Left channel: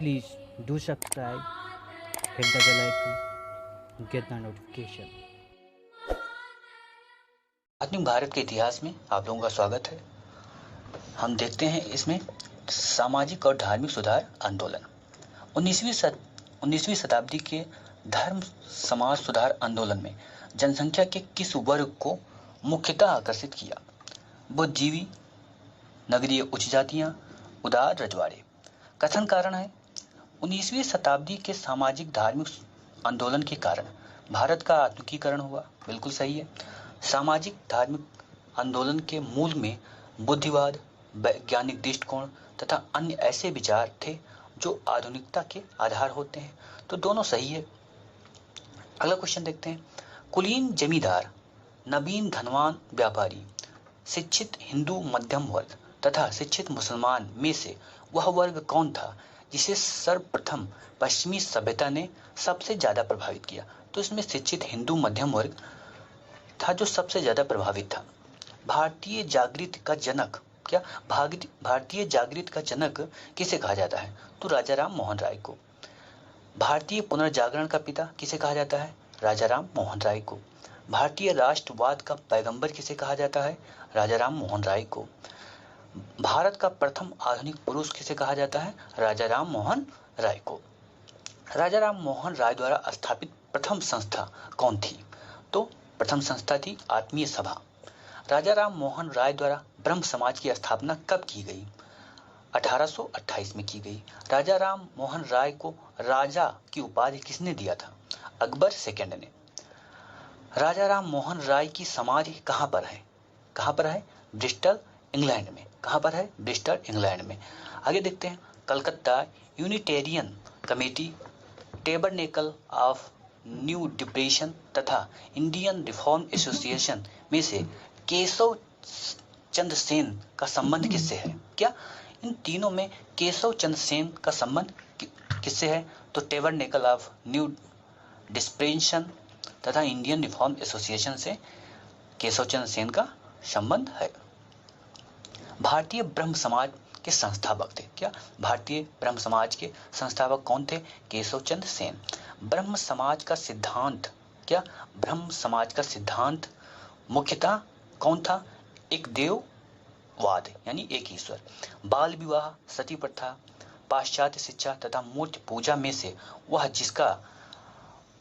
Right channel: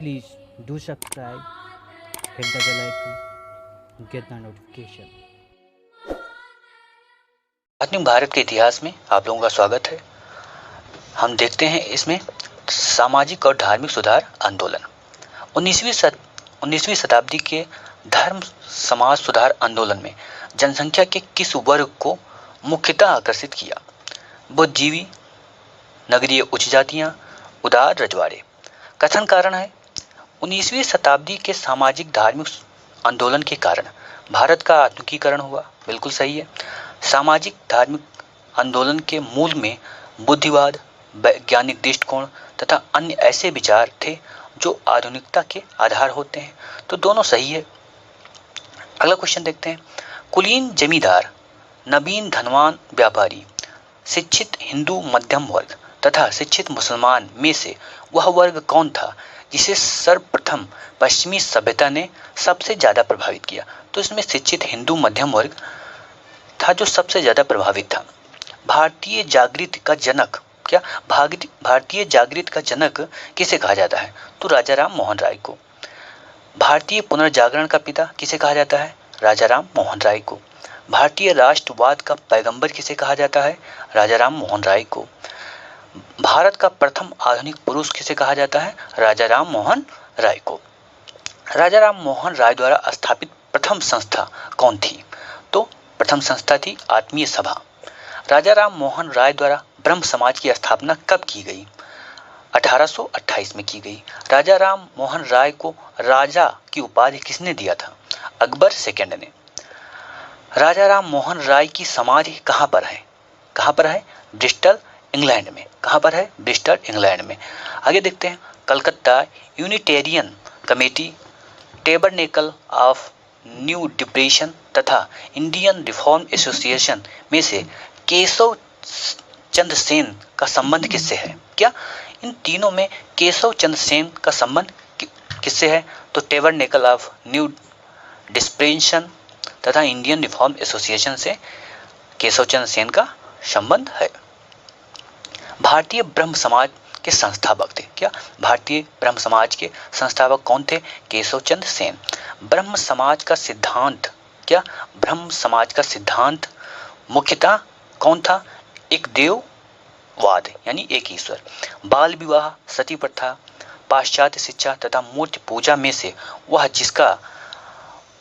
Please do subscribe, hit the bell icon, get the notification. आधुनिक भारत के इतिहास में आप लोगों का स्वागत है। हम देखते हैं इसमें सामाजिक और धार्मिक सुधार आंदोलन। 19वीं शताब्दी के धर्म समाज सुधार आंदोलन में जनसंख्या के किस वर्ग को मुख्यतः आकर्षित किया? बुद्धिजीवी, नगरीय उच्च जातियां, उदार रजवाड़े। कथन कारण है 19वीं शताब्दी के सामाजिक धार्मिक आंदोलन के कारण भारत का आधुनिकीकरण हुआ। बिल्कुल सही है। सामाजिक धार्मिक आंदोलन के मूल में बुद्धिवाद, वैज्ञानिक दृष्टिकोण तथा अन्य ऐसे विचार थे जो आधुनिकता के आधार होते हैं। तो दोनों सही है। अगला क्वेश्चन देखते हैं। कुलीन जमींदार, नवीन धनवान व्यापारी, शिक्षित हिंदू मध्यम वर्ग तथा शिक्षित मुसलमान में से वह वर्ग कौन था जिसे सर्वप्रथम पश्चिमी सभ्यता ने सबसे ज्यादा प्रभावित किया? तो इसमें शिक्षित हिंदू मध्यम वर्ग था जो सबसे ज्यादा प्रभावित था। भारतीय जागृति का जनक क्या भारतीय जागृति का जनक किसे कहा जाता है? तो राजा राम मोहन राय को। भारतीय पुनर्जागरण का पिता किसे कहा जाता है? राजा राम मोहन राय को। भारतीय राष्ट्रवाद का पैगंबर किसे कहा जाता है? राजा राम मोहन राय को। भारत का प्रथम आधुनिक पुरुष किसे कहा जाता है? राजा राम मोहन राय को। राजा राम मोहन राय द्वारा स्थापित प्रथम संस्था कौन थी? तो प्रथम संस्था थी आत्मीय सभा। राजा राम मोहन राय द्वारा ब्रह्म समाज की स्थापना कब की गई? 1828 में की गई। राजा राम मोहन राय को राजा की उपाधि किसने दिया था? अकबर सेकंड ने। राजा राम मोहन राय की समाधि कहाँ पर है? कहाँ पर है? ब्रिस्टल इंग्लैंड में। कहाँ पर है? ब्रिस्टल इंग्लैंड में। आगे देखते हैं। Calcutta Unitarian committee, tabernacle of new depression तथा इंडियन रिफॉर्म एसोसिएशन में से केशव चंद्र सेन का संबंध किससे है? क्या इन तीनों में केशव चंद्र सेन का संबंध किससे है? तो टेबरनेकल ऑफ न्यू डिस्प्रेशन तथा इंडियन रिफॉर्म एसोसिएशन से केशव चंद्र सेन का संबंध है। भारतीय ब्रह्म समाज के संस्थापक थे। क्या भारतीय ब्रह्म समाज के संस्थापक कौन थे? केशव चंद्र सेन। ब्रह्म समाज का सिद्धांत क्या? ब्रह्म समाज का सिद्धांत मुख्यतः कौन था? एक देववाद यानी एक ईश्वर। बाल विवाह, सती प्रथा, पाश्चात्य शिक्षा तथा मूर्ति पूजा में से वह जिसका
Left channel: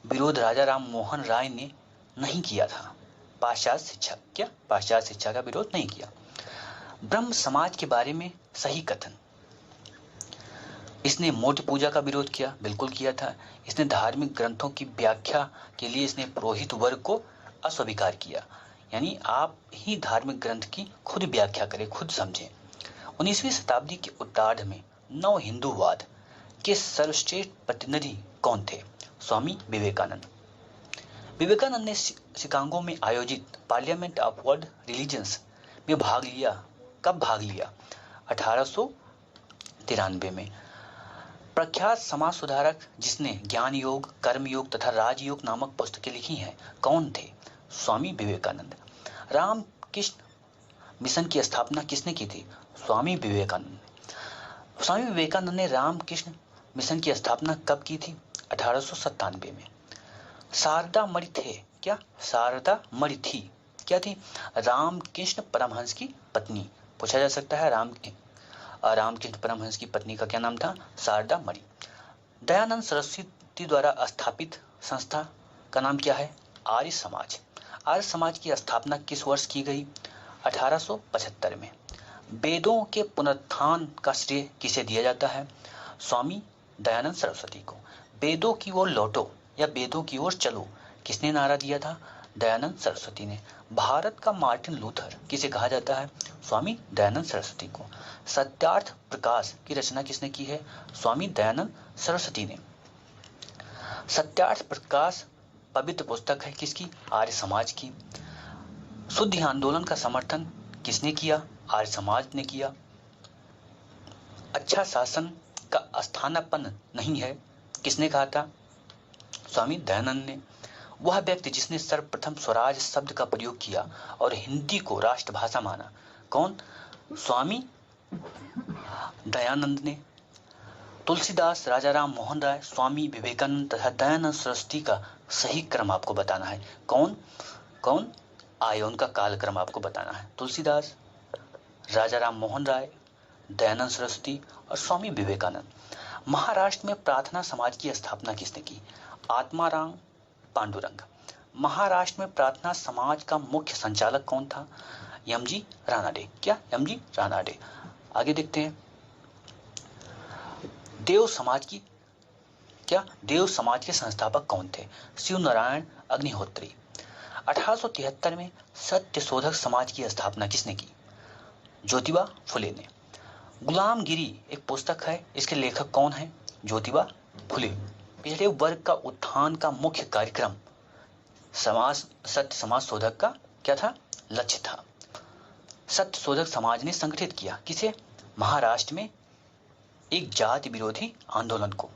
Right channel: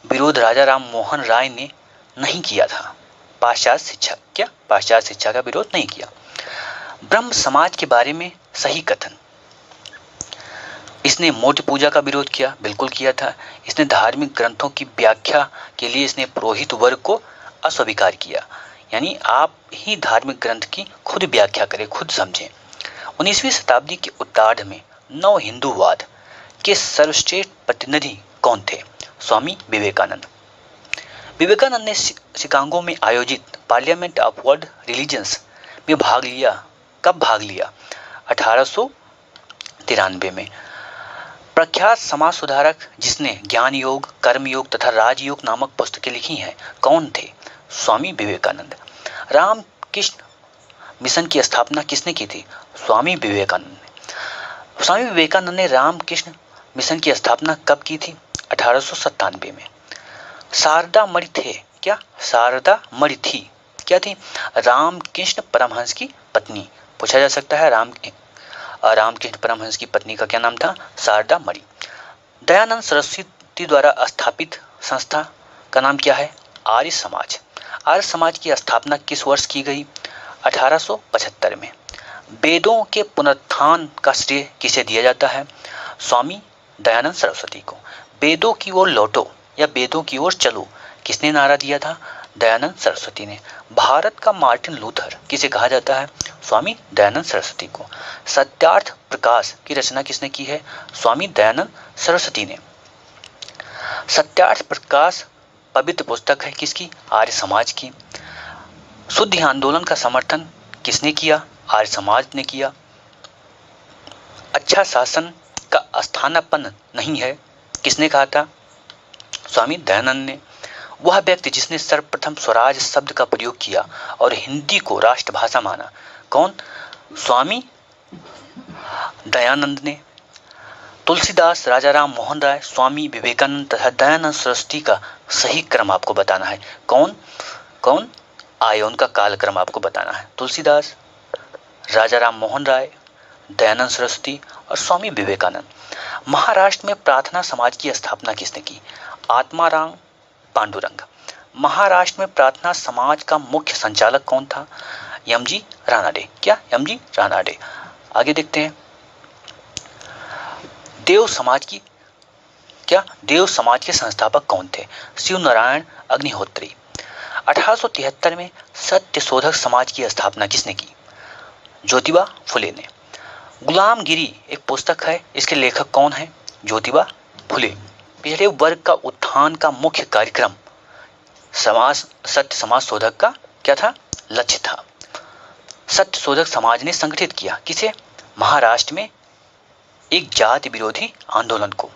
विरोध राजा राम मोहन राय ने नहीं किया था? पाश्चात्य शिक्षा। क्या पाश्चात्य शिक्षा का विरोध नहीं किया? ब्रह्म समाज के बारे में सही कथन। इसने मूर्ति पूजा का विरोध किया। बिल्कुल किया था। इसने धार्मिक ग्रंथों की व्याख्या के लिए इसने पुरोहित वर्ग को अस्वीकार किया। यानी आप ही धार्मिक ग्रंथ की खुद व्याख्या करें, खुद समझें। 19वीं शताब्दी के उत्तरार्ध में नव हिंदूवाद के सर्वश्रेष्ठ प्रतिनिधि कौन थे? स्वामी विवेकानंद। विवेकानंद ने शिकागो में आयोजित पार्लियामेंट ऑफ वर्ल्ड रिलीजन्स में भाग लिया। कब भाग लिया? 1893 में। प्रख्यात समाज सुधारक जिसने ज्ञान योग, कर्म योग तथा राजयोग नामक पुस्तकें लिखी हैं, कौन थे? स्वामी विवेकानंद। रामकृष्ण मिशन की स्थापना किसने की थी? स्वामी विवेकानंद ने। स्वामी विवेकानंद ने रामकृष्ण मिशन की स्थापना कब की थी? 1897 में। शारदा मणि थे। क्या शारदा मणि थी? क्या थी? रामकृष्ण परमहंस की पत्नी। पूछा जा सकता है रामकृष्ण परमहंस की पत्नी का क्या नाम था? शारदा मणि। दयानंद सरस्वती द्वारा स्थापित संस्था का नाम क्या है? आर्य समाज। आर्य समाज की स्थापना किस वर्ष की गई? 1875 में। वेदों के पुनरुत्थान का श्रेय किसे दिया जाता है? स्वामी दयानंद सरस्वती को। वेदों की ओर लौटो या वेदों की ओर चलो किसने नारा दिया था? दयानंद सरस्वती ने। भारत का मार्टिन लूथर किसे कहा जाता है? स्वामी दयानंद सरस्वती को। सत्यार्थ प्रकाश की रचना किसने की है? स्वामी दयानंद सरस्वती ने। सत्यार्थ प्रकाश पवित्र पुस्तक है किसकी? आर्य समाज की। शुद्ध आंदोलन का समर्थन किसने किया? आर्य समाज ने किया। अच्छा शासन का स्थानापन्न नहीं है किसने कहा था? स्वामी दयानंद ने। वह व्यक्ति जिसने सर्वप्रथम स्वराज शब्द का प्रयोग किया और हिंदी को राष्ट्रभाषा माना, कौन? स्वामी दयानंद ने। तुलसीदास, राजाराम मोहन राय, स्वामी विवेकानंद तथा दयानंद सरस्वती का सही क्रम आपको बताना है। कौन कौन आए, उनका कालक्रम आपको बताना है। तुलसीदास, राजाराम मोहन राय, दयानंद सरस्वती और स्वामी विवेकानंद। महाराष्ट्र में प्रार्थना समाज की स्थापना किसने की? आत्माराम पांडुरंग। महाराष्ट्र में प्रार्थना समाज का मुख्य संचालक कौन था? यमजी रानाडे। क्या? यमजी रानाडे। आगे देखते हैं। देव समाज की क्या देव समाज के संस्थापक कौन थे? शिव नारायण अग्निहोत्री। 1873 में सत्यशोधक समाज की स्थापना किसने की? ज्योतिबा फुले ने। गुलामगिरी एक पुस्तक है, इसके लेखक कौन है? ज्योतिबा फुले। पिछड़े वर्ग का उत्थान का मुख्य कार्यक्रम सत्य समाज शोधक का क्या था? लक्ष्य था। सत्य शोधक समाज ने संगठित किया किसे? महाराष्ट्र में एक जाति विरोधी आंदोलन को।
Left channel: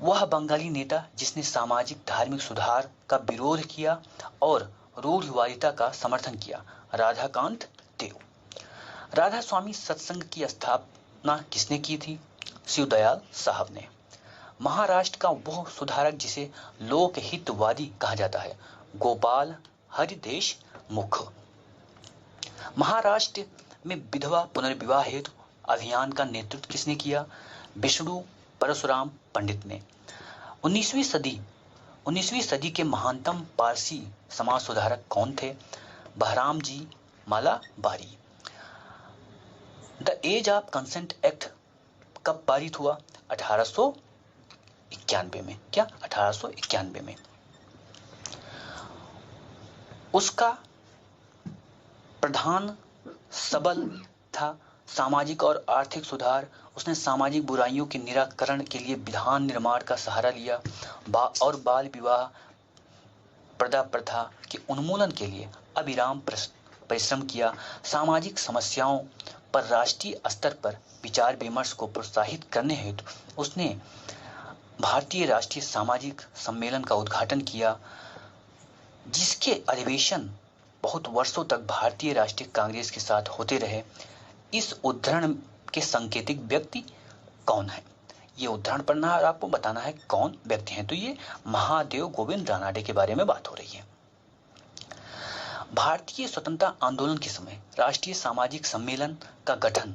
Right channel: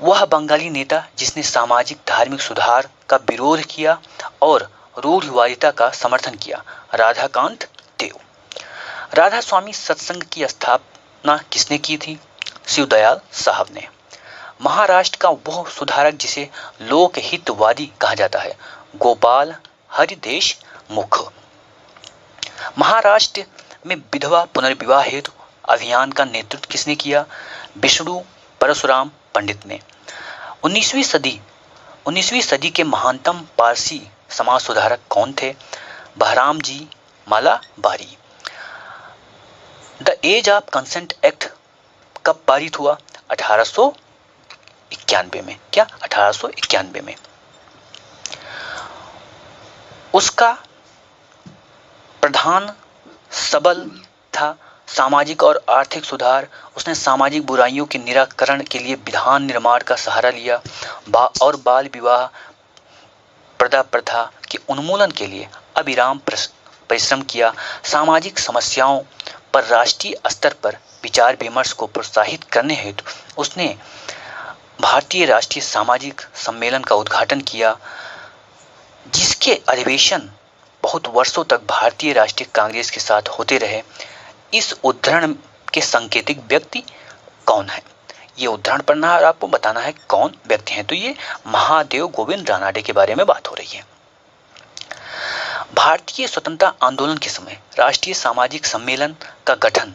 वह बंगाली नेता जिसने सामाजिक धार्मिक सुधार का विरोध किया और रूढ़िवादिता का समर्थन किया, राधाकांत देव। राधा स्वामी सत्संग की स्थापना किसने की थी? शिवदयाल साहब ने। महाराष्ट्र का वह सुधारक जिसे लोकहितवादी कहा जाता है, गोपाल हरि देशमुख। महाराष्ट्र में विधवा पुनर्विवाह हेतु अभियान का नेतृत्व किसने किया? विष्णु परशुराम पंडित ने। 19वीं सदी के महानतम पारसी समाज सुधारक कौन थे? Behram ji Malabari. The age of consent act कब पारित हुआ? 1891 में। क्या? 1891 में। उसका प्रधान सबल था सामाजिक और आर्थिक सुधार। उसने सामाजिक बुराइयों के निराकरण के लिए विधान निर्माण का सहारा लिया और बाल विवाह प्रदा प्रथा के उन्मूलन के लिए अविराम परिश्रम किया। सामाजिक समस्याओं पर राष्ट्रीय स्तर पर विचार विमर्श को प्रोत्साहित करने हेतु उसने भारतीय राष्ट्रीय सामाजिक सम्मेलन का उद्घाटन किया, जिसके अधिवेशन बहुत वर्षों तक भारतीय राष्ट्रीय कांग्रेस के साथ होते रहे। इस उद्धरण के सांकेतिक व्यक्ति कौन है? ये उद्धरण पढ़ना और आपको बताना है कौन व्यक्ति हैं। तो ये महादेव गोविंद रानाडे के बारे में बात हो रही है। भारतीय स्वतंत्रता आंदोलन के समय राष्ट्रीय सामाजिक सम्मेलन का गठन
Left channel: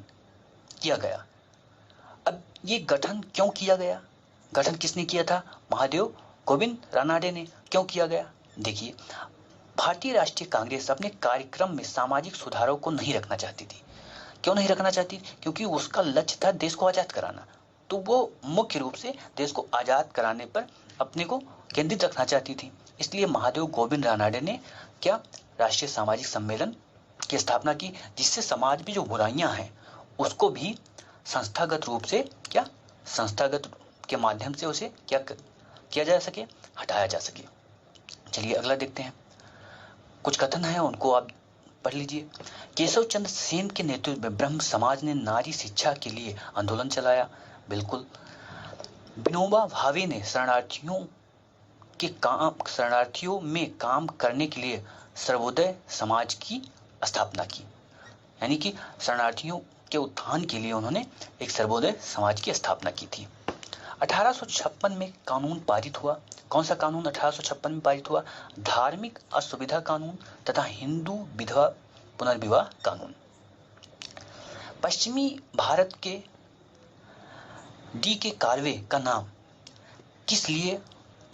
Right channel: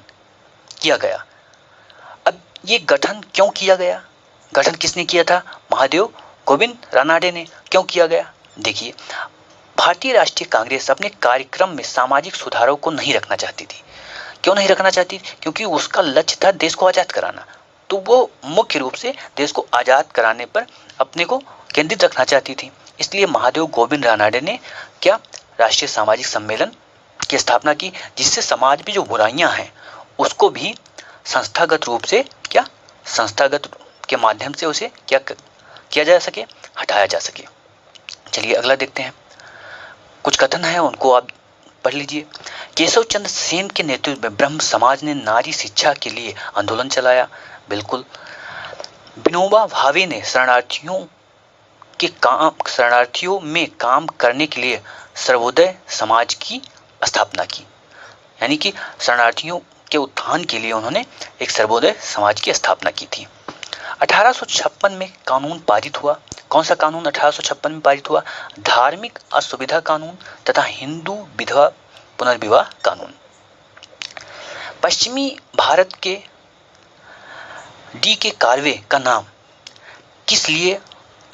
किया गया। अब ये गठन क्यों किया गया? गठन किसने किया था? महादेव गोविंद रानाडे ने। क्यों किया गया? देखिए, भारतीय राष्ट्रीय कांग्रेस अपने कार्यक्रम में सामाजिक सुधारों को नहीं रखना चाहती थी। क्यों नहीं रखना चाहती? क्योंकि उसका लक्ष्य था देश को आजाद कराना। तो वो मुख्य रूप से देश को आजाद कराने पर अपने को केंद्रित रखना चाहती थी। इसलिए महादेव गोविंद रानाडे ने क्या? राष्ट्रीय सामाजिक सम्मेलन की स्थापना की, जिससे समाज में जो बुराइयां हैं उसको भी संस्थागत रूप से क्या? संस्थागत के माध्यम से उसे क्या किया जा सके? हटाया जा सके। चलिए अगला देखते हैं। कुछ कथन है, उनको आप पढ़ लीजिए। केशव चंद्र सेन के नेतृत्व में ब्रह्म समाज ने नारी शिक्षा के लिए आंदोलन चलाया। बिल्कुल। विनोबा भावे ने शरणार्थियों में काम करने के लिए सर्वोदय समाज की स्थापना की। यानी कि शरणार्थियों के उत्थान के लिए उन्होंने एक सर्वोदय समाज की स्थापना की थी। 1856 में कानून पारित हुआ। कौन सा कानून 1856 में पारित हुआ? धार्मिक असुविधा कानून तथा हिंदू विधवा पुनर्विवाह कानून। पश्चिमी भारत के डी.के. कार्वे का नाम किस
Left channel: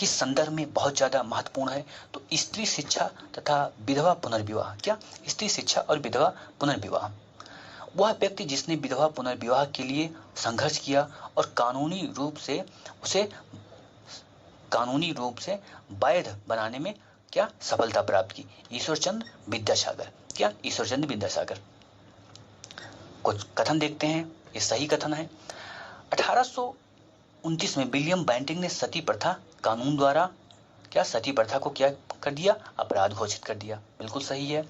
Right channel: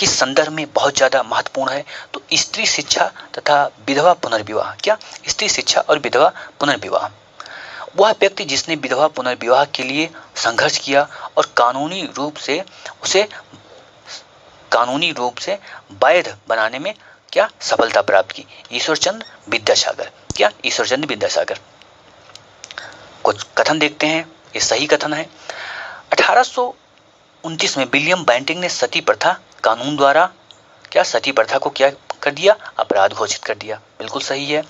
संदर्भ में बहुत ज्यादा महत्वपूर्ण है? तो स्त्री शिक्षा तथा विधवा पुनर्विवाह। क्या? स्त्री शिक्षा और विधवा पुनर्विवाह। वह व्यक्ति जिसने विधवा पुनर्विवाह के लिए संघर्ष किया और कानूनी रूप से वैध बनाने में क्या? सफलता प्राप्त की। ईश्वरचंद्र विद्यासागर। क्या? ईश्वरचंद्र विद्यासागर। कुछ कथन देखते हैं, ये सही कथन है। 1829 में विलियम बेंटिंग ने सती प्रथा कानून द्वारा क्या? सती प्रथा को क्या कर दिया? अपराध घोषित कर दिया। बिल्कुल सही है।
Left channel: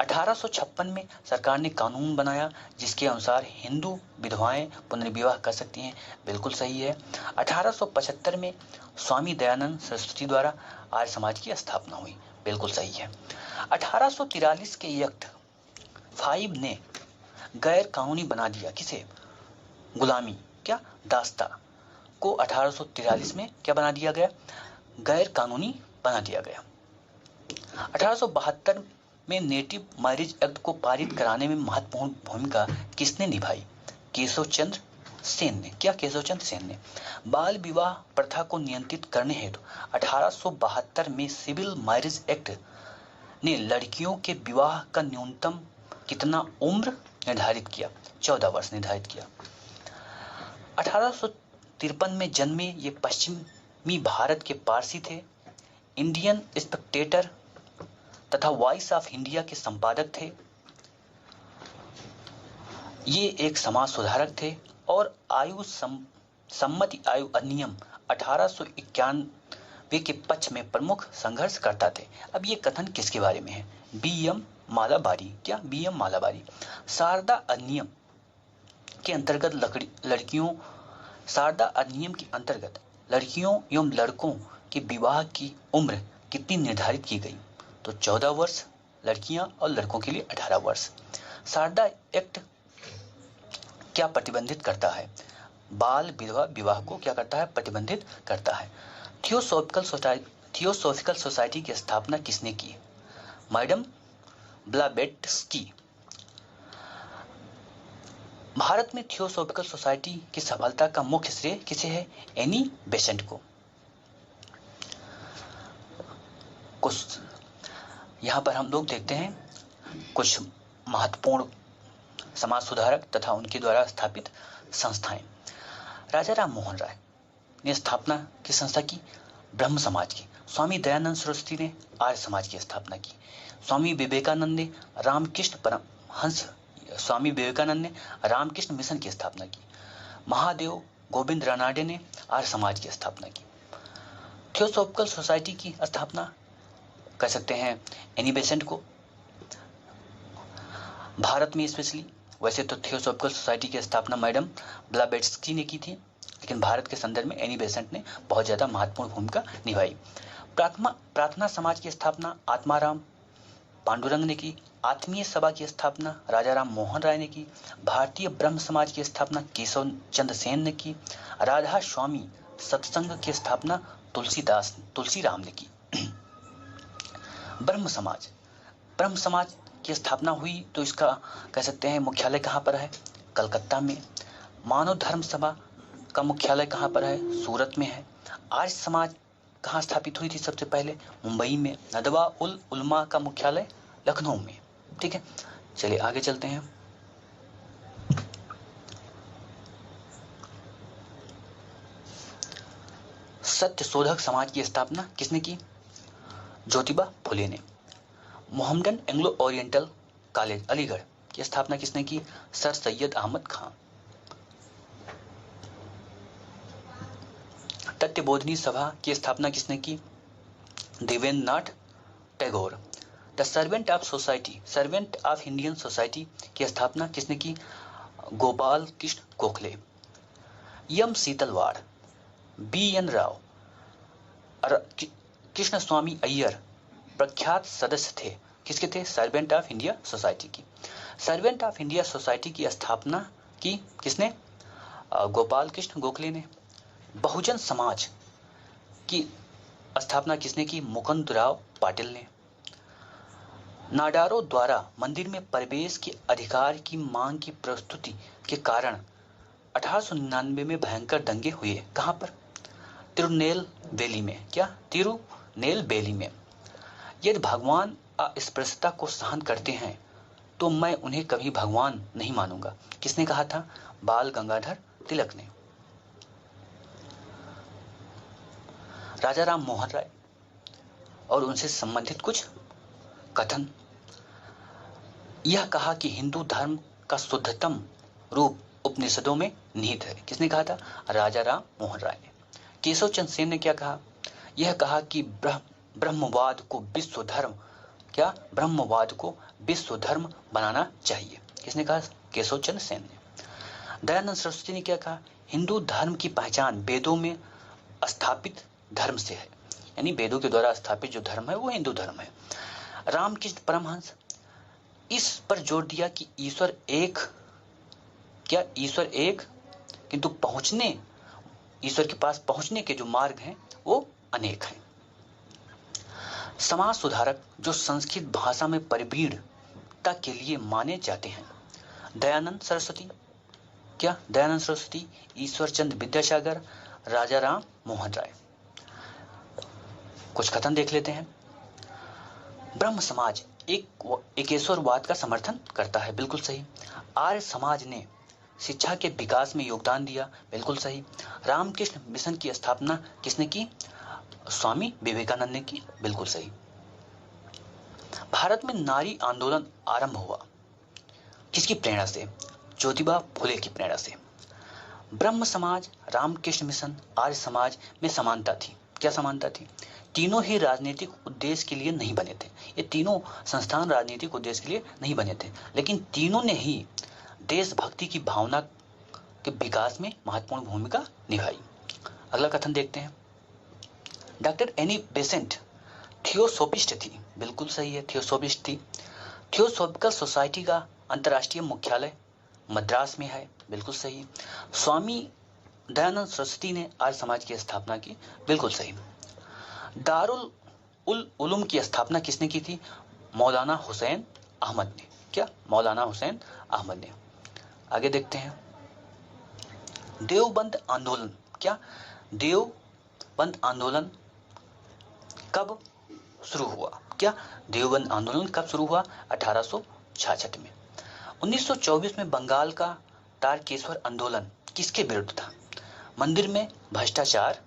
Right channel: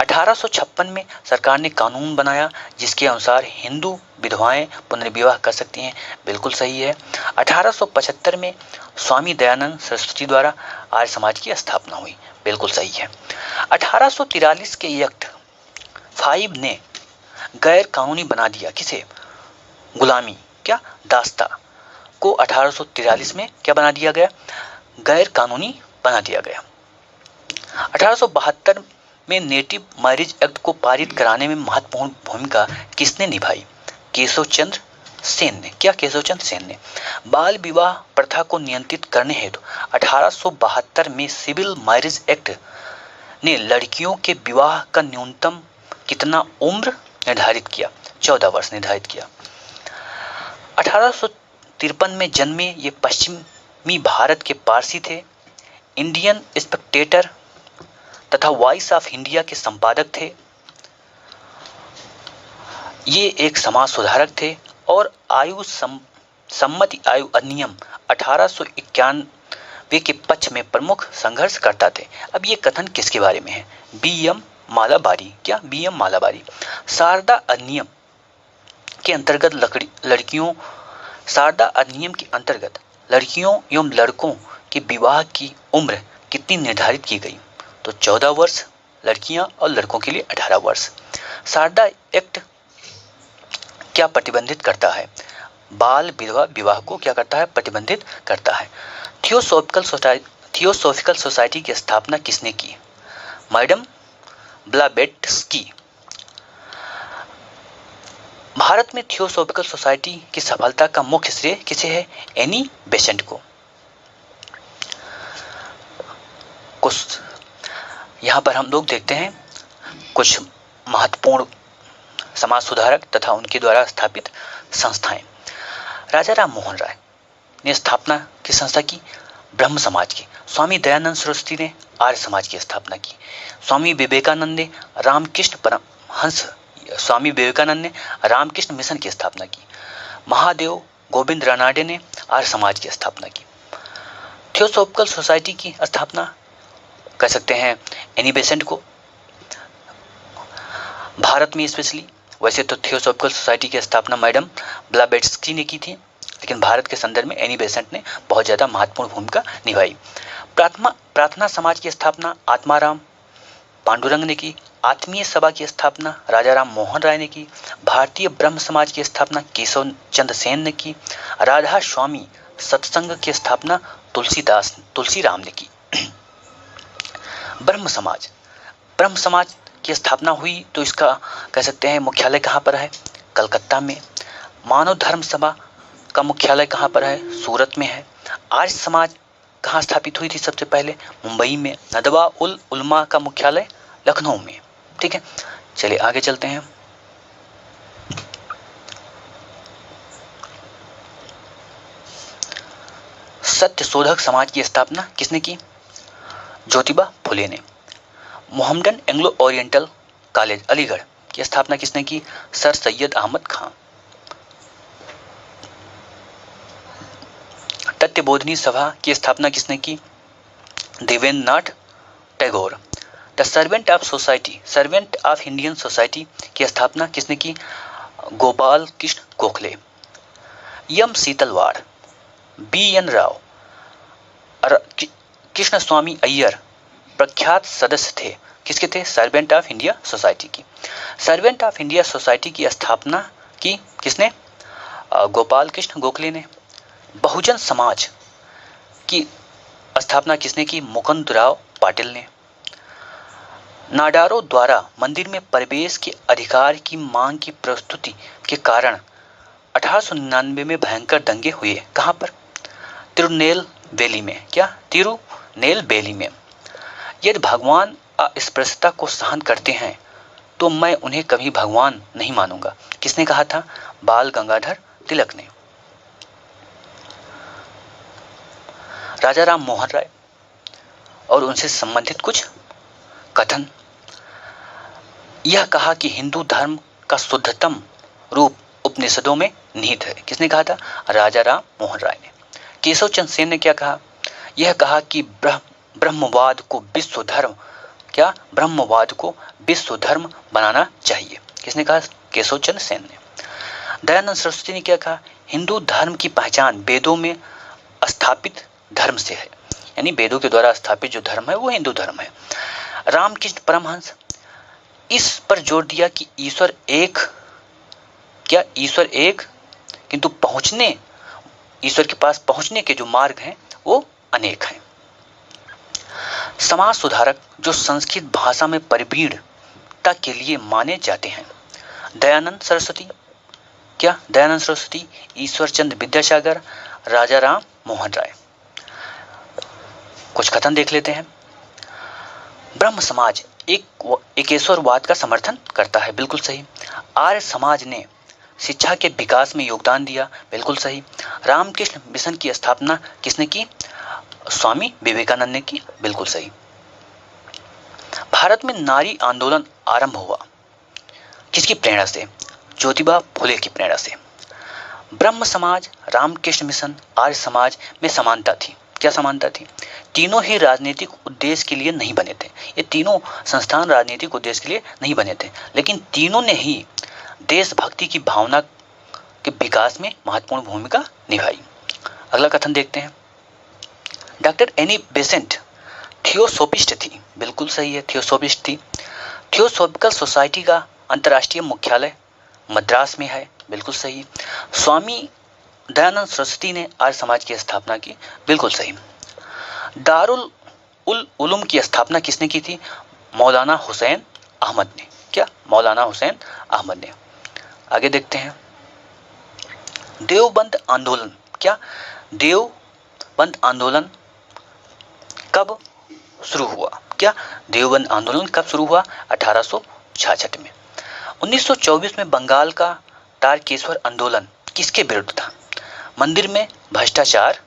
1856 में सरकार ने कानून बनाया जिसके अनुसार हिंदू विधवाएं पुनर्विवाह कर सकती हैं। बिल्कुल सही है। 1875 में स्वामी दयानंद सरस्वती द्वारा आर्य समाज की स्थापना हुई। बिल्कुल सही है। 1843 के एक्ट 5 ने गैर कानूनी बना दिया किसे? गुलामी क्या दास्ता को 1843 में क्या बना दिया गया, गैर कानूनी बना दिया गया। 1872 में नेटिव मैरिज एक्ट को पारित कराने में महत्वपूर्ण भूमिका किसने निभाई, केशव चंद्र सेन ने। क्या केशव चंद्र सेन ने। बाल विवाह प्रथा को नियंत्रित करने हेतु 1872 में सिविल मैरिज एक्ट ने लड़कियों के विवाह का न्यूनतम कितना उम्र निर्धारित किया, 14 वर्ष निर्धारित किया। 1853 में जन्मे ये पश्चिमी भारत के पारसी थे, इंडियन स्पेक्टेटर तथा वॉइस ऑफ इंडिया के संपादक थे। ये एक समाज सुधारक थे और आयु सम्मति आयु अधिनियम 1891 के पक्ष में प्रमुख संघर्ष करता थे। अब ये कथन किसके बारे में है, बी.एम. मालाबारी। क्या, बी.एम. मालाबारी। शारदा अधिनियम के अंतर्गत लड़कियों एवं लड़कों के विवाह की उम्र कितनी निर्धारित की गई, तो 14 वर्ष लड़कियां और लड़कों के लिए 18 वर्ष। शारदा एक्ट क्या प्रतिबंधित करता है, बाल विधवा विवाह को क्या करता है, प्रतिबंधित करता है। थियोसॉफिकल सोसाइटी की स्थापना किसने की, मैडम ब्लावेट्स्की। भारत में थियोसॉफिकल सोसाइटी की सफलता का मुख्य श्रेय किसे है, एनी बेसेंट को। कुछ यहाँ पर हम लोग देखते हैं कुछ महत्वपूर्ण समाज सुधारक तथा उनके द्वारा स्थापित संस्थाएं। राजा राम मोहन राय ने स्थापना की संस्था की, ब्रह्म समाज की। स्वामी दयानंद सरस्वती ने आर्य समाज की स्थापना की। स्वामी विवेकानंद ने रामकृष्ण मिशन की स्थापना की। महादेव गोविंद रानाडे ने आर्य समाज की स्थापना की। थियोसॉफिकल सोसाइटी की स्थापना कह सकते हैं एनी बेसेंट को। भारत में स्पेशली, वैसे तो थियोसॉफिकल सोसाइटी की स्थापना मैडम ब्लावेट्स्की ने की थी, लेकिन भारत के संदर्भ में एनी बेसेंट ने बहुत ज़्यादा महत्वपूर्ण भूमिका निभाई। प्रार्थना समाज की स्थापना आत्माराम पांडुरंग ने की। आत्मीय सभा की स्थापना राजा राम मोहन राय ने की। भारतीय ब्रह्म समाज की स्थापना केशव चंद्र सेन ने की। राधा स्वामी सत्संग की स्थापना तुलसीराम ने की। ब्रह्म समाज की स्थापना हुई तो इसका कह सकते हैं मुख्यालय कहाँ पर है, कलकत्ता में। मानव धर्म सभा का मुख्यालय कहाँ पर है, सूरत में है। आर्य समाज कहाँ स्थापित हुई थी सबसे पहले, मुंबई में। नदवा उल उलमा का मुख्यालय लखनऊ में। ठीक है, चलिए आगे चलते हैं। सत्यशोधक समाज की स्थापना किसने की, ज्योतिबा फुले ने। Mohammedan Anglo Oriental College Aligarh की स्थापना किसने की, सर सैयद अहमद खां। तत्वबोधिनी सभा की स्थापना किसने की, Debendranath Tagore. The Servant of Indian Society की स्थापना किसने की, गोपाल कृष्ण गोखले। एम शीतलवाड़, बी.एन. राव, कृष्ण स्वामी अय्यर प्रख्यात सदस्य थे। किसके थे, सर्वेंट ऑफ इंडिया सोसाइटी की। सर्वेंट ऑफ इंडिया सोसाइटी की स्थापना की किसने, गोपाल कृष्ण गोखले ने। बहुजन समाज की स्थापना किसने की, मुकुंदराव पाटिल ने। नाडारों द्वारा मंदिर में प्रवेश के अधिकार की मांग की प्रस्तुति के कारण 1899 में भयंकर दंगे हुए। कहां पर, तिरुनेलवेली में। क्या, तिरुनेलवेली में। यदि भगवान अस्पृश्यता को सहन करते हैं तो मैं उन्हें कभी भगवान नहीं मानूंगा। किसने कहा था, बाल गंगाधर तिलक ने। राजा राम मोहन राय और उनसे संबंधित कुछ कथन। यह कहा कि हिंदू धर्म का शुद्धतम रूप उपनिषदों में निहित है। किसने कहा था, राजा राम मोहन राय ने। केशव चंद्र सेन ने क्या कहा, यह कहा कि ब्रह्मवाद को विश्व धर्म बनाना चाहिए। किसने कहा, केशव चंद्र सेन ने। दयानंद सरस्वती ने क्या कहा, हिंदू धर्म की पहचान वेदों में स्थापित धर्म से है, यानी वेदों के द्वारा स्थापित जो धर्म है वो हिंदू धर्म है। रामकृष्ण परमहंस इस पर जोर दिया कि ईश्वर एक किंतु पहुंचने ईश्वर के पास पहुंचने के जो मार्ग हैं वो अनेक हैं। समाज सुधारक जो संस्कृत भाषा में परिवीणता के लिए माने जाते हैं, दयानंद सरस्वती, क्या दयानंद सरस्वती, ईश्वरचंद विद्यासागर, राजा राम मोहन राय। कुछ कथन देख लेते हैं। ब्रह्म समाज एकेश्वरवाद का समर्थन करता है, बिल्कुल सही। आर्य समाज ने शिक्षा के विकास में योगदान दिया, बिल्कुल सही। रामकृष्ण मिशन की स्थापना किसने की? स्वामी विवेकानंद ने की, बिल्कुल सही। भारत में नारी आंदोलन आरंभ हुआ किसकी प्रेरणा से? ज्योतिबा फुले की प्रेरणा से। ब्रह्म समाज, रामकृष्ण मिशन, आर्य समाज में समानता थी। क्या समानता थी? तीनों ही राजनीतिक उद्देश्य के लिए नहीं बने थे। ये तीनों संस्थान राजनीतिक उद्देश्य के लिए नहीं बने थे, लेकिन तीनों ने ही देशभक्ति की भावना के विकास में महत्वपूर्ण भूमिका निभाई। अगला कथन देखते हैं। डॉक्टर एनी बेसेंट थियोसोफिस्ट थी, बिल्कुल सही है, थियोसोफिस्ट थी। थियोसोफिकल सोसाइटी का अंतर्राष्ट्रीय मुख्यालय मद्रास में है, बिल्कुल सही। स्वामी दयानंद सरस्वती ने आर्य समाज की स्थापना की, बिल्कुल सही। दारुल उलूम की स्थापना किसने की थी? मौलाना हुसैन अहमद ने। क्या? मौलाना हुसैन अहमद ने। आगे देखते हैं। देवबंद आंदोलन, क्या देवबंद आंदोलन कब शुरू हुआ? क्या देवबंद आंदोलन कब शुरू हुआ? 1866 में। 1924 में बंगाल का तारकेश्वर आंदोलन किसके विरुद्ध था? मंदिर में भ्रष्टाचार,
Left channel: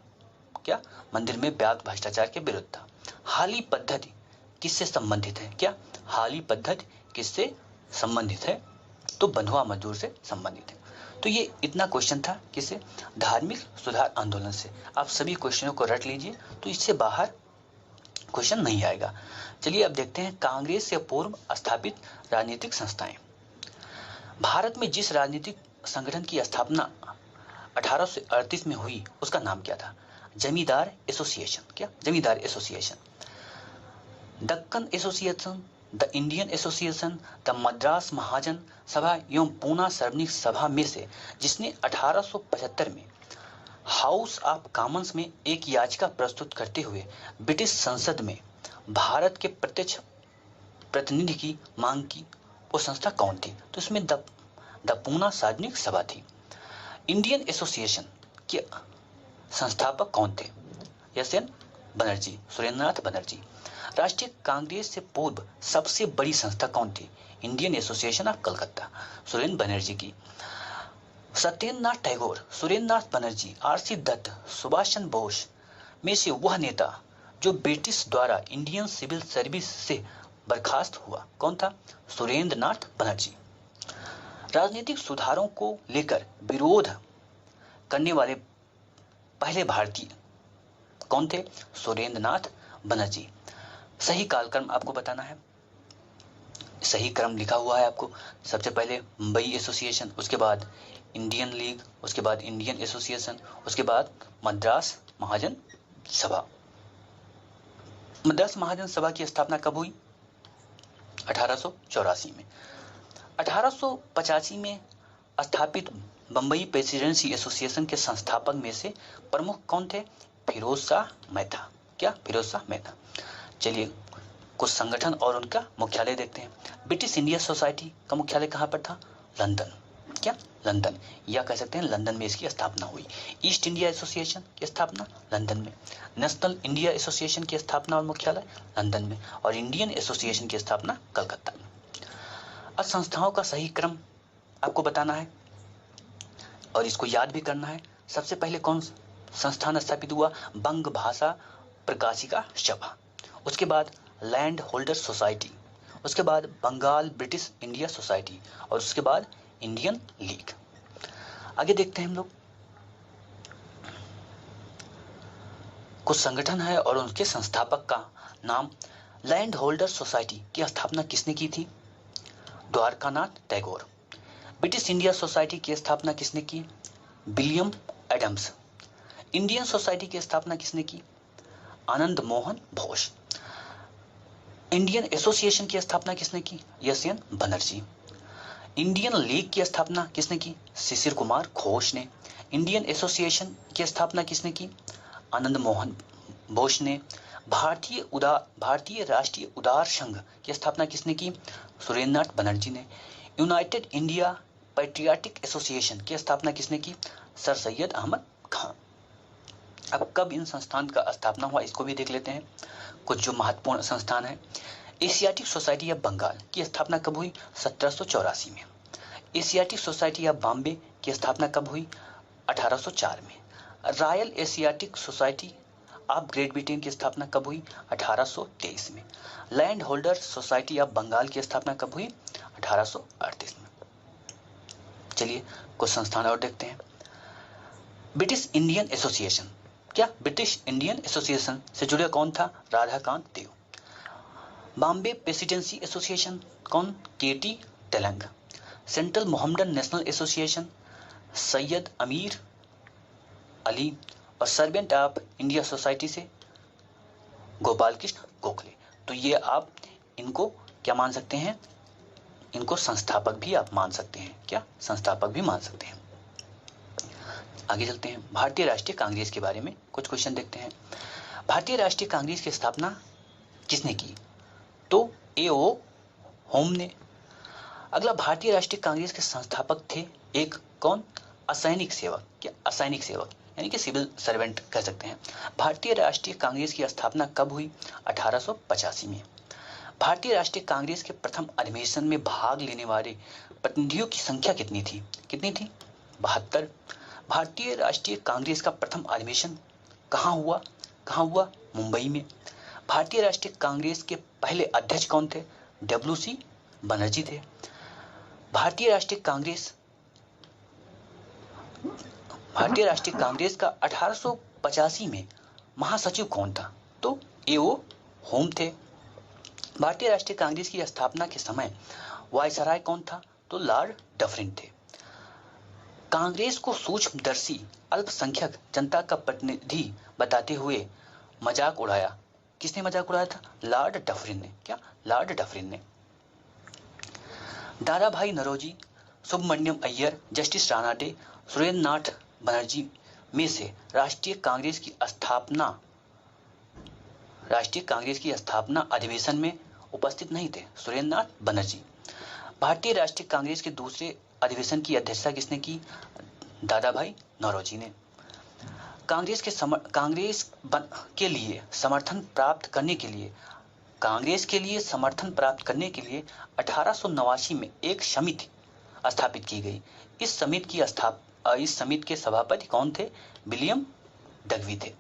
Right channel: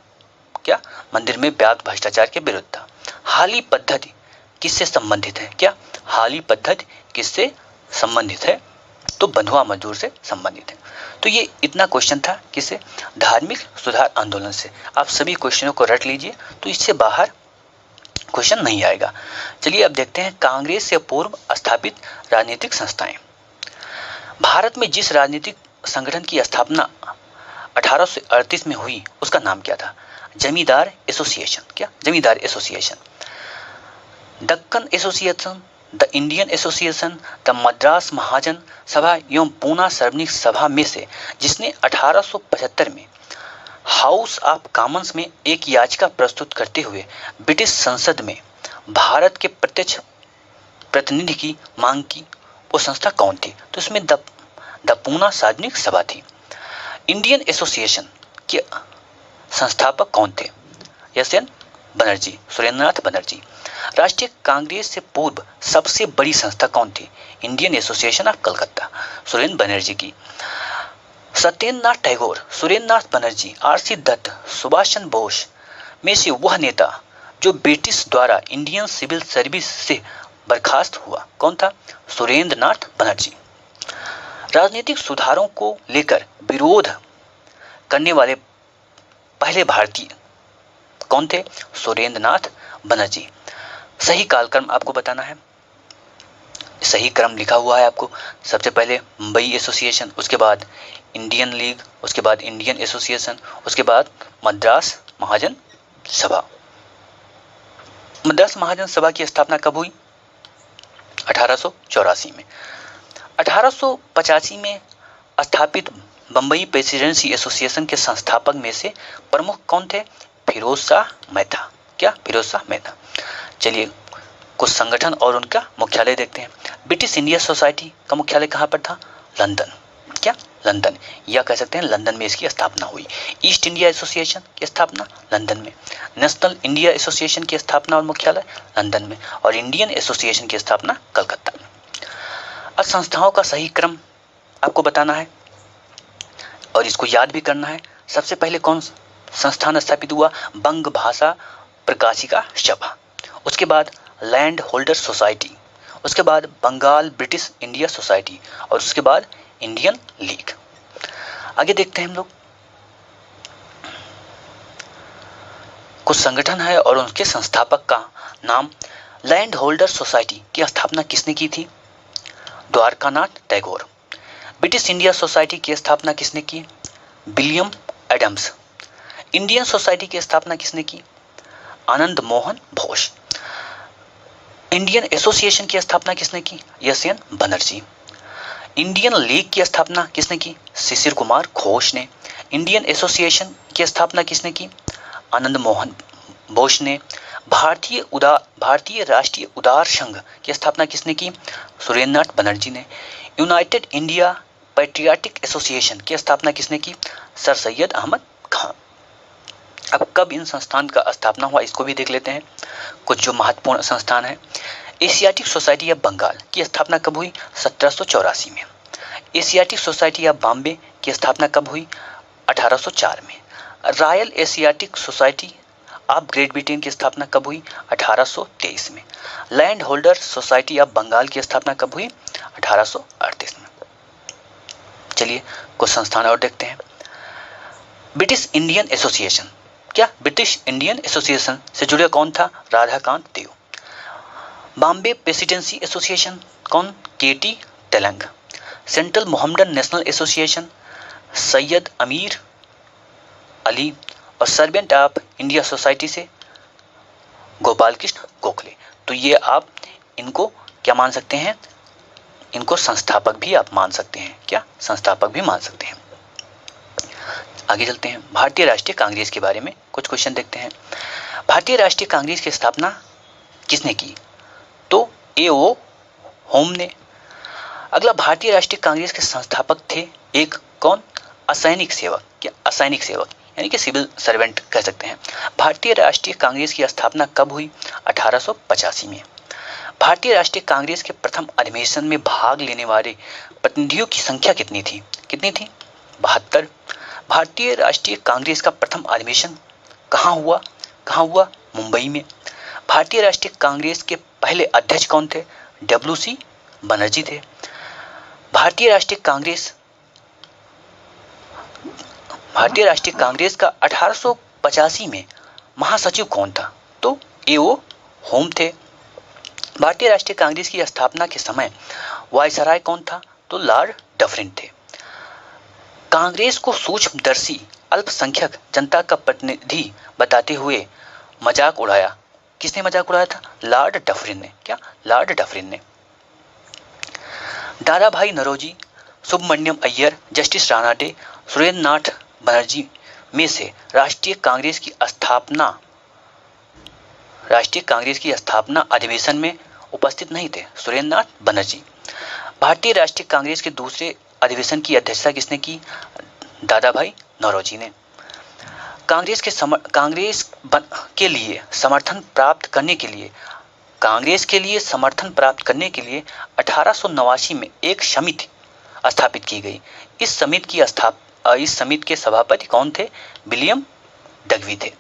क्या मंदिर में व्याप्त भ्रष्टाचार के विरुद्ध था। हाली पद्धति किससे संबंधित है? क्या हाली पद्धति किससे संबंधित है? तो बंधुआ मजदूर से संबंधित है। तो ये इतना क्वेश्चन था किससे? धार्मिक सुधार आंदोलन से। आप सभी क्वेश्चनों को रट लीजिए, तो इससे बाहर क्वेश्चन नहीं आएगा। चलिए अब देखते हैं कांग्रेस से पूर्व स्थापित राजनीतिक संस्थाएं। भारत में जिस राजनीतिक संगठन की स्थापना 1838 में हुई उसका नाम क्या था? जमींदार एसोसिएशन। क्या? Zamindar Association. Deccan Association, the Indian Association, the Madras Mahajan Sabha एवं पूना सार्वजनिक सभा में से जिसने 1875 में हाउस ऑफ कॉमन्स में एक याचिका प्रस्तुत करते हुए ब्रिटिश संसद में भारत के प्रत्यक्ष प्रतिनिधि की मांग की, वो संस्था कौन थी? तो इसमें द पूना सार्वजनिक सभा थी। इंडियन एसोसिएशन के संस्थापक कौन थे? एस.एन. बनर्जी, सुरेंद्रनाथ बनर्जी। राष्ट्रीय कांग्रेस से पूर्व सबसे बड़ी संस्था कौन थी? Indian association of Calcutta, Surendra Banerjee की। सत्येंद्रनाथ टैगोर, सुरेंद्रनाथ बनर्जी, आर.सी. दत्त, सुभाष चंद्र बोस में से वह नेता जो ब्रिटिश द्वारा इंडियन सिविल सर्विस से बर्खास्त हुआ कौन था? सुरेंद्रनाथ बनर्जी। राजनीतिक सुधारों को लेकर विरोध करने वाले पहले भारतीय कौन थे? सुरेंद्रनाथ बनर्जी। सही कालक्रम आपको बताना है, सही क्रम लिखा हुआ है आपको। सबसे पहले मुंबई एसोसिएशन, उसके बाद इंडियन लीग, उसके बाद इंडियन एसोसिएशन, उसके बाद मद्रास महाजन सभा। मद्रास महाजन सभा की स्थापना कब हुई? 1884 में। 1885 में स्थापित बम्बई प्रेसिडेंसी एसोसिएशन के संस्थापक में से प्रमुख कौन थे? फिरोज शाह मेहता। क्या? फिरोज शाह मेहता। चलिए कुछ संगठन और उनका मुख्यालय देखते हैं। ब्रिटिश इंडिया सोसाइटी का मुख्यालय कहाँ पर था? लंदन। क्या? लंदन, या कह सकते हैं लंदन में इसकी स्थापना हुई। ईस्ट इंडिया एसोसिएशन की स्थापना लंदन में। नेशनल इंडिया एसोसिएशन की स्थापना और मुख्यालय लंदन में, और इंडियन एसोसिएशन की स्थापना कलकत्ता में। अब संस्थाओं का सही क्रम आपको बताना है और इसको याद भी करना है। सबसे पहले कौन संस्थान स्थापित हुआ? बंग भाषा प्रकाशिका सभा, उसके बाद लैंड होल्डर सोसाइटी, उसके बाद बंगाल ब्रिटिश इंडिया सोसाइटी, और उसके बाद इंडियन लीग। आगे देखते हैं हम लोग। कुछ संगठन है और उनके संस्थापक का नाम। लैंड होल्डर सोसाइटी की स्थापना किसने की थी? Dwarkanath Tagore. British India Society की स्थापना किसने की? William Adams. इंडियन सोसाइटी की स्थापना किसने की? आनंद मोहन घोष। इंडियन एसोसिएशन की स्थापना किसने की? एस.एन. बनर्जी। इंडियन लीग की स्थापना किसने की? शिशिर कुमार घोष ने। इंडियन एसोसिएशन की स्थापना किसने की? आनंद मोहन बोस ने। भारतीय राष्ट्रीय उदार संघ की स्थापना किसने की? सुरेंद्रनाथ बनर्जी ने। यूनाइटेड इंडिया पैट्रियाटिक एसोसिएशन की स्थापना किसने की? सर सैयद अहमद खान। अब कब इन संस्थान का स्थापना हुआ इसको भी देख लेते हैं। कुछ जो महत्वपूर्ण संस्थान है। एशियाटिक सोसाइटी ऑफ बंगाल की स्थापना कब हुई? 1784 में। एशियाटिक सोसाइटी ऑफ बॉम्बे की स्थापना कब हुई? 1804 में। Royal Asiatic Society of Great Britain की स्थापना कब हुई? 1823 में। Land Holder Society of Bengal की स्थापना कब हुई? 1838 में। चलिए कुछ संस्थान और देखते हैं। ब्रिटिश इंडियन एसोसिएशन, क्या ब्रिटिश इंडियन एसोसिएशन से जुड़े कौन था? राधाकांत देव। बॉम्बे प्रेसिडेंसी एसोसिएशन कौन? KT Telang. Central Mohammedan National Association Syed Ameer Ali. और सर्वेंट ऑफ इंडिया सोसाइटी से गोपाल कृष्ण गोखले। तो ये आप इनको क्या मान सकते हैं? इनको संस्थापक भी आप मान सकते हैं। क्या? संस्थापक भी मान सकते हैं। आगे चलते हैं। भारतीय राष्ट्रीय कांग्रेस के बारे में कुछ क्वेश्चन देखते हैं। भारतीय राष्ट्रीय कांग्रेस की स्थापना किसने की? तो ए.ओ. होम ने। अगला, भारतीय राष्ट्रीय कांग्रेस के संस्थापक थे एक कौन? असैनिक सेवक। क्या? असैनिक सेवक यानी कि सिविल सर्वेंट कह सकते हैं। भारतीय राष्ट्रीय कांग्रेस की स्थापना कब हुई? 1885 में। भारतीय राष्ट्रीय कांग्रेस के प्रथम अधिवेशन में भाग लेने वाले प्रतिनिधियों की संख्या कितनी थी? 72। भारतीय राष्ट्रीय कांग्रेस का प्रथम अधिवेशन कहाँ हुआ? मुंबई में। भारतीय राष्ट्रीय कांग्रेस के पहले अध्यक्ष कौन थे? डब्ल्यू.सी. बनर्जी थे। भारतीय राष्ट्रीय कांग्रेस का 1885 में महासचिव कौन था? तो ए.ओ. होम थे। भारतीय राष्ट्रीय कांग्रेस की स्थापना के समय वायसराय कौन था? तो लॉर्ड डफरिन थे। कांग्रेस को सूक्ष्मदर्शी अल्पसंख्यक जनता का प्रतिनिधि बताते हुए मजाक उड़ाया। किसने मजाक उड़ाया था? लॉर्ड डफरिन ने। क्या? लॉर्ड डफरिन ने। दादा भाई नौरोजी, सुब्रमण्यम अय्यर, जस्टिस रानाडे, सुरेंद्रनाथ बनर्जी में से राष्ट्रीय कांग्रेस की स्थापना अधिवेशन में उपस्थित नहीं थे। सुरेंद्रनाथ बनर्जी। भारतीय राष्ट्रीय कांग्रेस के दूसरे अधिवेशन की अध्यक्षता किसने की? दादा भाई नौरोजी ने। कांग्रेस के लिए समर्थन प्राप्त करने के लिए 1889 में एक समिति स्थापित की गई। इस समिति के सभापति कौन थे? विलियम डगवी थे।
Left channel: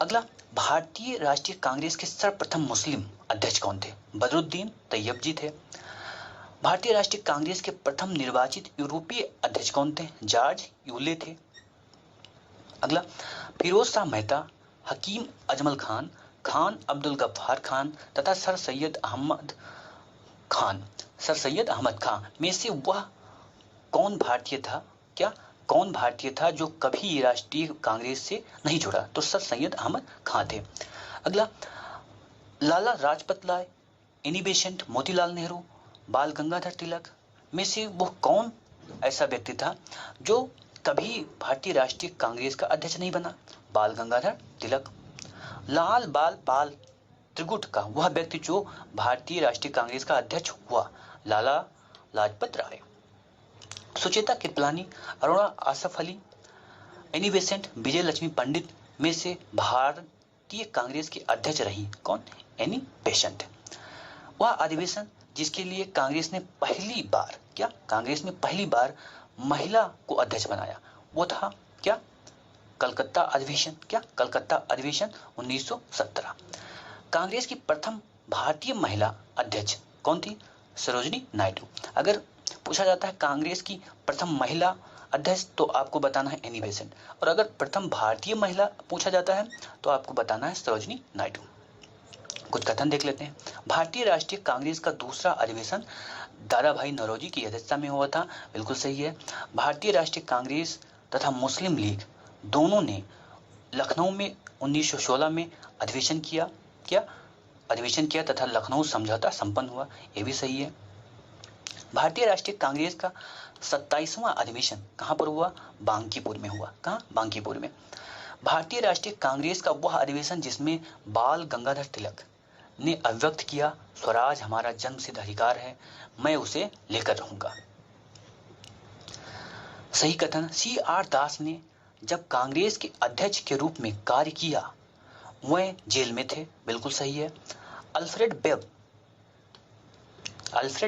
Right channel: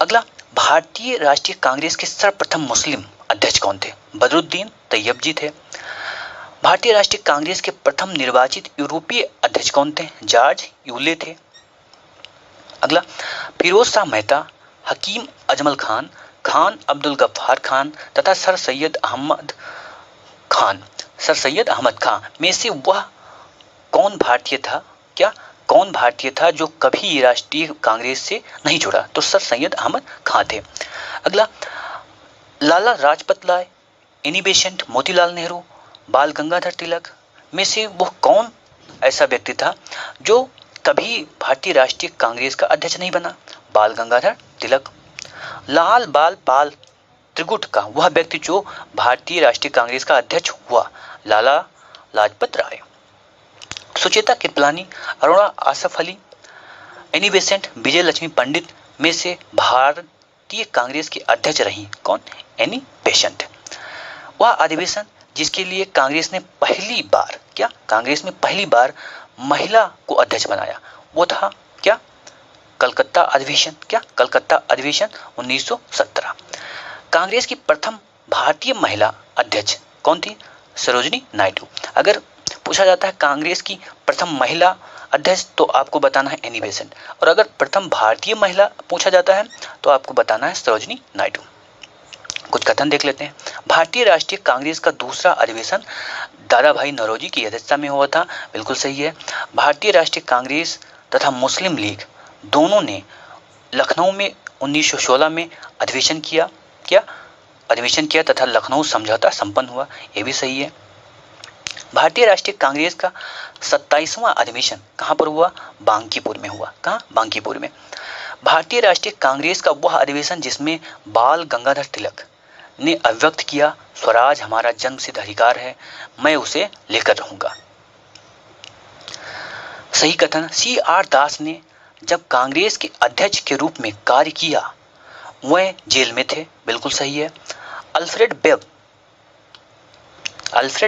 अगला, भारतीय राष्ट्रीय कांग्रेस के सर्वप्रथम मुस्लिम अध्यक्ष कौन थे? बदरुद्दीन तैयब जी थे। भारतीय राष्ट्रीय कांग्रेस के प्रथम निर्वाचित यूरोपीय अध्यक्ष कौन थे? जॉर्ज यूले थे। अगला, फिरोज शाह मेहता, हकीम अजमल खान, खान अब्दुल गफ्फार खान तथा सर सैयद अहमद खान में से वह कौन भारतीय था? क्या? कौन भारतीय था जो कभी राष्ट्रीय कांग्रेस से नहीं जुड़ा? तो सर सैयद अहमद खान थे। अगला, लाला लाजपत राय, एनी बेसेंट, मोतीलाल नेहरू, बाल गंगाधर तिलक में से वो कौन ऐसा व्यक्ति था जो कभी भारतीय राष्ट्रीय कांग्रेस का अध्यक्ष नहीं बना? बाल गंगाधर तिलक। लाल बाल पाल त्रिगुट का वह व्यक्ति जो भारतीय राष्ट्रीय कांग्रेस का अध्यक्ष हुआ? लाला लाजपत राय। सुचेता कृपलानी, अरुणा आसफ अली, एनी बेसेंट, विजय लक्ष्मी पंडित में से भारतीय कांग्रेस की अध्यक्ष रही कौन? Annie Besant. वह अधिवेशन जिसके लिए कांग्रेस ने पहली बार महिला को अध्यक्ष बनाया वो था क्या? कलकत्ता अधिवेशन। क्या? कलकत्ता अधिवेशन 1917। कांग्रेस की प्रथम भारतीय महिला अध्यक्ष कौन थी? सरोजिनी नायडू। अगर पूछा जाता है कांग्रेस की प्रथम महिला अध्यक्ष तो आपको बताना है एनी बेसेंट, और अगर प्रथम भारतीय महिला पूछा जाता है तो आपको बताना है सरोजिनी नायडू। कुछ कथन देख लेते हैं। भारतीय राष्ट्रीय कांग्रेस का दूसरा अधिवेशन दादा भाई नौरोजी की अध्यक्षता में हुआ था। बिल्कुल सही है। भारतीय राष्ट्रीय कांग्रेस तथा मुस्लिम लीग दोनों ने लखनऊ में 1916 में अधिवेशन किया। क्या? अधिवेशन किया तथा लखनऊ समझौता संपन्न हुआ, ये भी सही है। भारतीय राष्ट्रीय कांग्रेस का 27वां अधिवेशन कहाँ पर हुआ? बांकीपुर में हुआ। कहाँ? बांकीपुर में। भारतीय राष्ट्रीय कांग्रेस का वह अधिवेशन जिसमें बाल गंगाधर तिलक ने अभिव्यक्त किया, स्वराज हमारा जन्मसिद्ध अधिकार है, मैं उसे लेकर रहूंगा। सही कथन। CR दास ने जब कांग्रेस के अध्यक्ष के रूप में कार्य किया वह जेल में थे, बिल्कुल सही है। अल्फ्रेड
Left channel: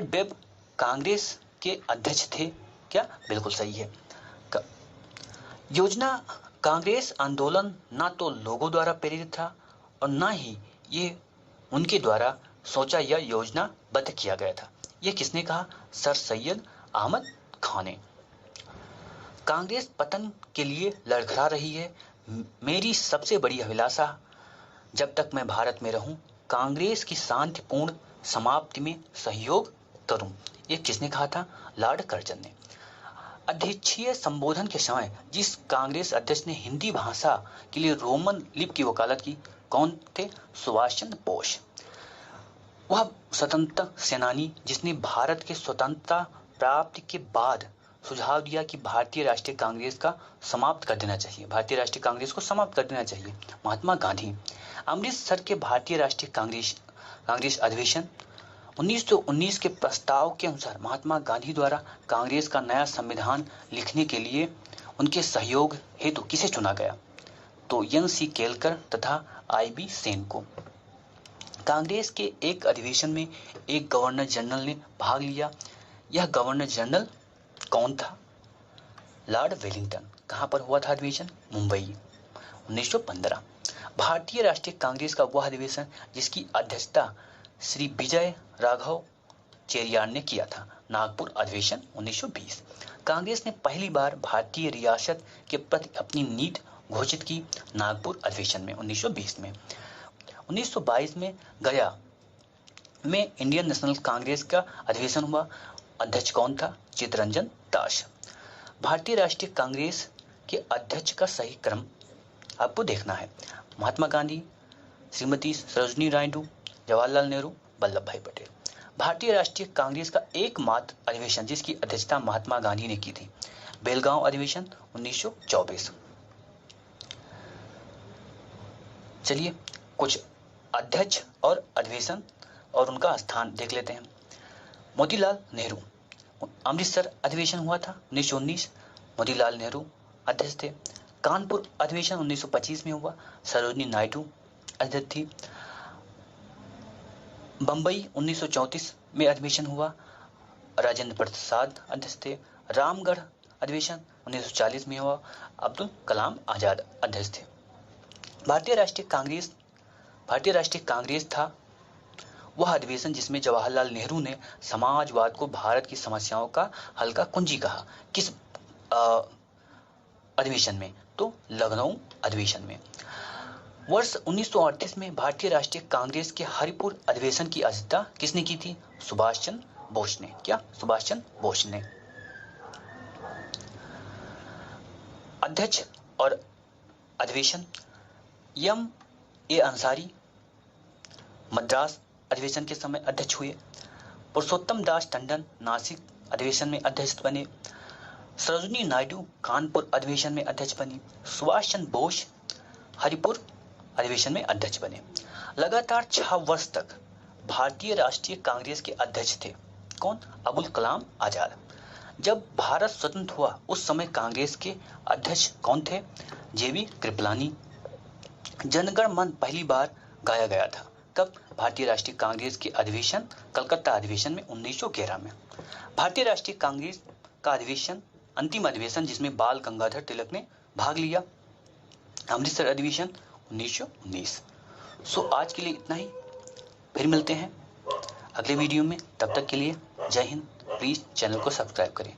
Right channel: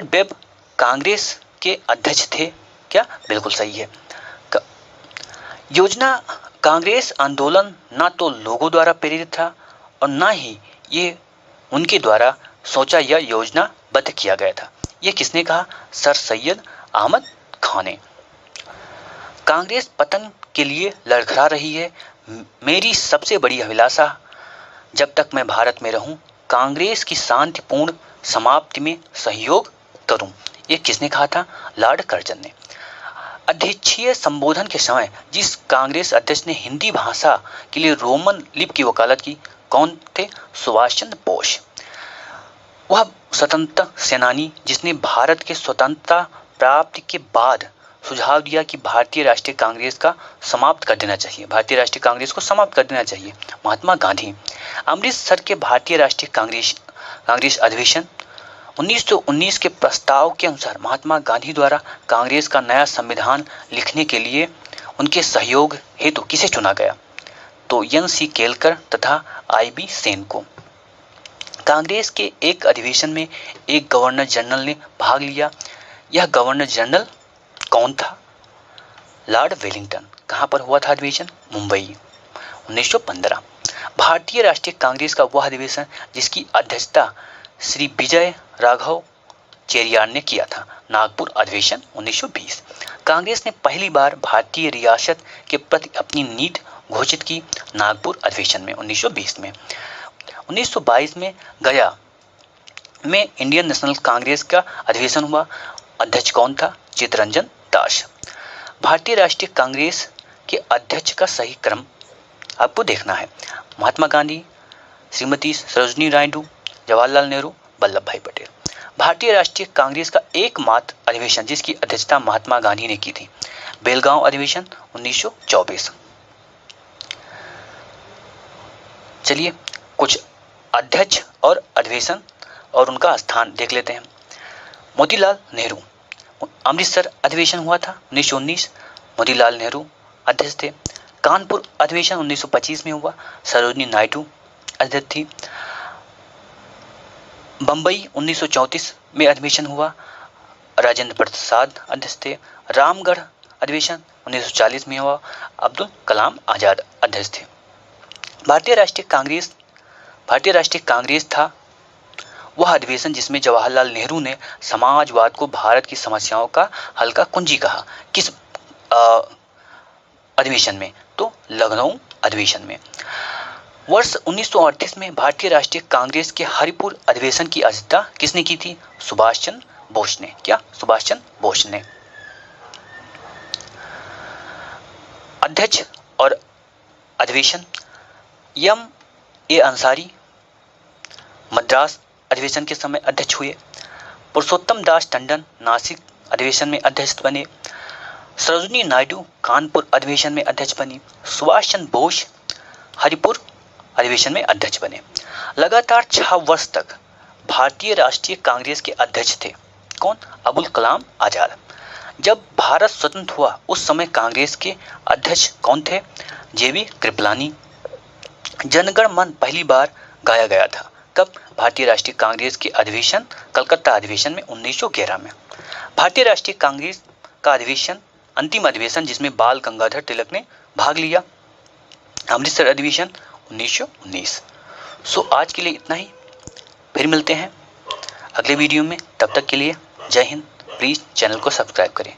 वेब कांग्रेस के अध्यक्ष थे, क्या? बिल्कुल सही है। योजना कांग्रेस आंदोलन ना तो लोगों द्वारा प्रेरित था और ना ही ये उनके द्वारा सोचा या योजनाबद्ध किया गया था। ये किसने कहा? सर सैयद अहमद खान ने। कांग्रेस पतन के लिए लड़खड़ा रही है, मेरी सबसे बड़ी अभिलाषा जब तक मैं भारत में रहूं कांग्रेस की शांतिपूर्ण समाप्ति में सहयोग करूं। ये किसने कहा था? लॉर्ड कर्जन ने। अध्यक्षीय संबोधन के समय जिस कांग्रेस अध्यक्ष ने हिंदी भाषा के लिए रोमन लिपि की वकालत की, कौन थे? सुभाष चंद्र बोस। वह स्वतंत्रता सेनानी जिसने भारत के स्वतंत्रता प्राप्ति के बाद सुझाव दिया कि भारतीय राष्ट्रीय कांग्रेस का समाप्त कर देना चाहिए, भारतीय राष्ट्रीय कांग्रेस को समाप्त कर देना चाहिए, महात्मा गांधी। अमृतसर के भारतीय राष्ट्रीय कांग्रेस अधिवेशन 1919 के प्रस्ताव के अनुसार महात्मा गांधी द्वारा कांग्रेस का नया संविधान लिखने के लिए उनके सहयोग हेतु किसे चुना गया? तो NC केलकर तथा IB सेन को। कांग्रेस के एक अधिवेशन में एक गवर्नर जनरल ने भाग लिया, यह गवर्नर जनरल कौन था? Lord Wellington. कहां पर हुआ था अधिवेशन? मुंबई, 1915। भारतीय राष्ट्रीय कांग्रेस का वह अधिवेशन जिसकी अध्यक्षता श्री विजय राघव चेरियार ने किया था, नागपुर अधिवेशन, 1920। कांग्रेस ने पहली बार भारतीय रियासत के प्रति अपनी नीति घोषित की, नागपुर अधिवेशन में, 1920 में। 1922 में गया में इंडियन नेशनल कांग्रेस का अधिवेशन हुआ, अध्यक्ष कौन था? चित्तरंजन दास। भारतीय राष्ट्रीय कांग्रेस के अध्यक्ष का सही क्रम आपको देखना है। महात्मा गांधी, श्रीमती सरोजिनी नायडू, जवाहरलाल नेहरू, वल्लभ भाई पटेल। भारतीय राष्ट्रीय कांग्रेस का एकमात्र अधिवेशन जिसकी अध्यक्षता महात्मा गांधी ने की थी, बेलगांव अधिवेशन, 1924। चलिए कुछ अध्यक्ष और अधिवेशन और उनका स्थान देख लेते हैं। मोतीलाल नेहरू, अमृतसर अधिवेशन हुआ था 1919, मोतीलाल नेहरू अध्यक्ष थे। कानपुर अधिवेशन 1925 में हुआ, सरोजिनी नायडू अध्यक्ष थी। बंबई 1934 में अधिवेशन हुआ, राजेंद्र प्रसाद अध्यक्ष थे। रामगढ़ अधिवेशन 1940 में हुआ, अब्दुल कलाम आजाद अध्यक्ष थे। भारतीय राष्ट्रीय कांग्रेस था वह अधिवेशन जिसमें जवाहरलाल नेहरू ने समाजवाद को भारत की समस्याओं का हल का कुंजी कहा। किस अधिवेशन में? तो लखनऊ अधिवेशन में। वर्ष 1938 में भारतीय राष्ट्रीय कांग्रेस के हरिपुर अधिवेशन की अध्यक्षता किसने की थी? सुभाष चंद्र बोस ने। क्या? सुभाष चंद्र बोस ने। अध्यक्ष और अधिवेशन M.A. अंसारी मद्रास अधिवेशन के समय अध्यक्ष हुए। पुरुषोत्तम दास टंडन नासिक अधिवेशन में अध्यक्ष बने। सरोजिनी नायडू कानपुर अधिवेशन में अध्यक्ष बनी। सुभाष चंद्र बोस हरिपुर अधिवेशन में अध्यक्ष बने। लगातार 6 वर्ष तक भारतीय राष्ट्रीय कांग्रेस के अध्यक्ष थे। कौन? अबुल कलाम आजाद। जब भारत स्वतंत्र हुआ उस समय कांग्रेस के अध्यक्ष कौन थे? JB कृपलानी। जनगण मन पहली बार गाया गया था। कब? भारतीय राष्ट्रीय कांग्रेस के अधिवेशन कलकत्ता अधिवेशन में 1911 में। भारतीय राष्ट्रीय कांग्रेस का अधिवेशन अंतिम अधिवेशन जिसमें बाल गंगाधर तिलक ने भाग लिया, अमृतसर अधिवेशन 1919। सो आज के लिए इतना ही, फिर मिलते हैं अगले वीडियो में। तब तक के लिए जय हिंद। प्लीज चैनल को सब्सक्राइब करें।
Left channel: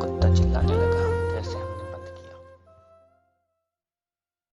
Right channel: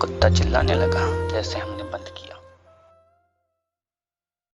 कुत्ता चिल्लाने लगा जैसे हम